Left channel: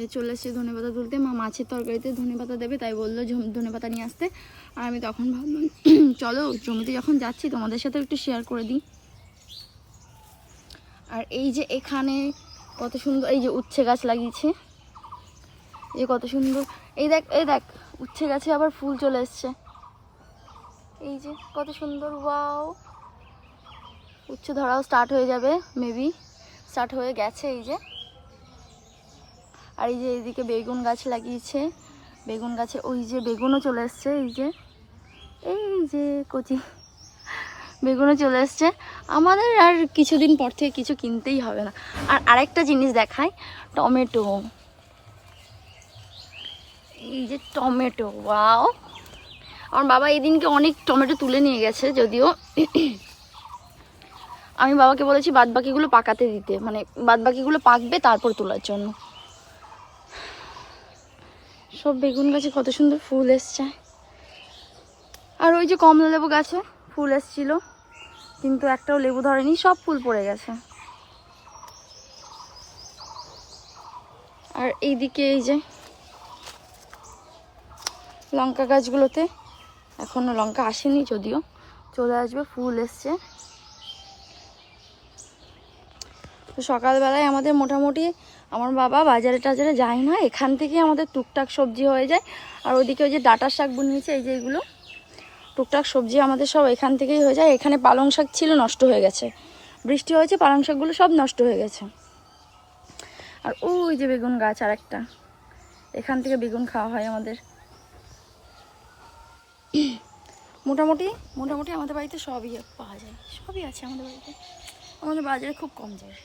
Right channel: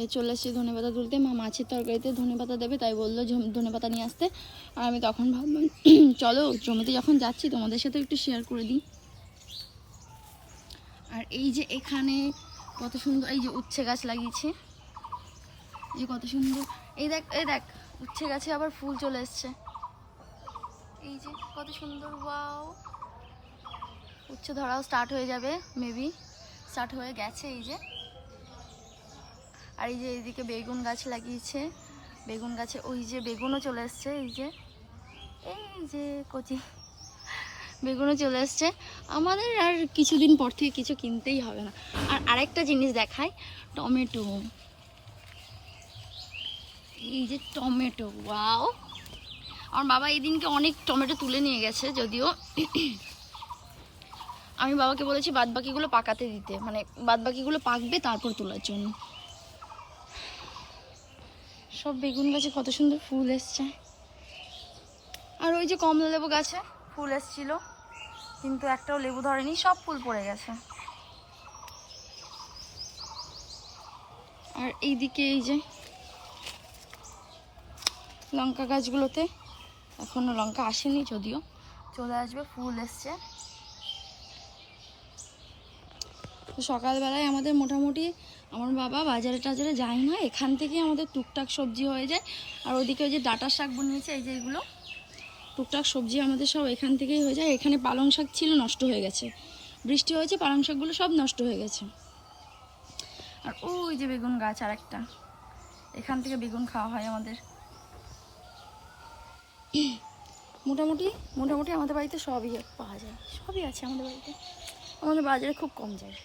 এই চলে এসেছি ধনেপাতা তুলতে। মা মাছের তরকারিতে ধনেপাতা দেবে, তাই বললো ধনেপাতা নিয়ে আসতে। আর আমি তখন ভাবলাম চলো জমিতে যখন যাচ্ছি তোমাদের সাথে একটু শেয়ার করে দিই। আর এই যে এখানে কত সুন্দর এই যে উচ্ছে গাছ লাগিয়েছে, এই কত সুন্দর। এই দেখ উচ্ছে গাছে আবার ফুল চলে এসছে, এই যে কত সুন্দর। ওয়াও, উচ্ছে ধরাও স্টার্ট হয়ে যাবে, মেবি স্টার্ট হয়ে গেছে। এই যে আর এই যে এইদিকে বেগুন গাছ লাগিয়েছে, বেগুন গাছে ওই যে বেগুনও চলে এসছে। এই যে কচি বেগুনও চলে এসছে। আমাদের আর কিছুদিন পর থেকে কিছু কিনতেই হবে না। আর আরেকটা জিনিস দেখায়, টমেটো। এই যে টমেটো, ওয়াও। আমার বাবা এই দিনকে অনেক টমেটো তুলে নিয়ে গেছে, যদিও আমি বাবাকে বলেছি বাদবাকিগুলো পাকাতে দিতে, মানে বাদবাকিগুলো পাকবে তারপর তোলার জন্য। সব বেগুন গাছে কত সুন্দর ফুল এসছে। আর ওই যে কমলা লেবু গাছে ফুল এসছিল, কিন্তু একটাও লেবু ধরেনি, সব ফুল পড়ে গেছে। আর এইদিকে এই যে লঙ্কা গাছগুলোতে এখনো লঙ্কা আসেনি, যদিও চলে আসবে, ফুল এসছে। তো সকালবেলায় আমাদের মোটামুটি, আমার বাবা বাজারে টাজারে যায় না, এখান থেকে আমাদের টুকটাক সবজি হয়ে যায়। আর ওইদিকে ওই যে ডাঁটার শাক বুনিয়েছে, এই যে এগুলো টুকটাক সবজি আমাদের সব এখান থেকেই হয়ে যায়। এখানে পালং শাক ছিল, নষ্ট হয়ে গেছে, বৃষ্টি হয়েছে, পালং শাকগুলো সব নষ্ট হয়ে গেছে। আর ওই যে বেগুন গাছ আর একটা, এখান থেকে বেগুন খাওয়া হয় আমাদের। মোটামুটি আমাদের বাড়িতে সবই পাওয়া যায়, সবই আছে আমাদের বাড়িতে। আমাদের বাজারে খুব কম যায়।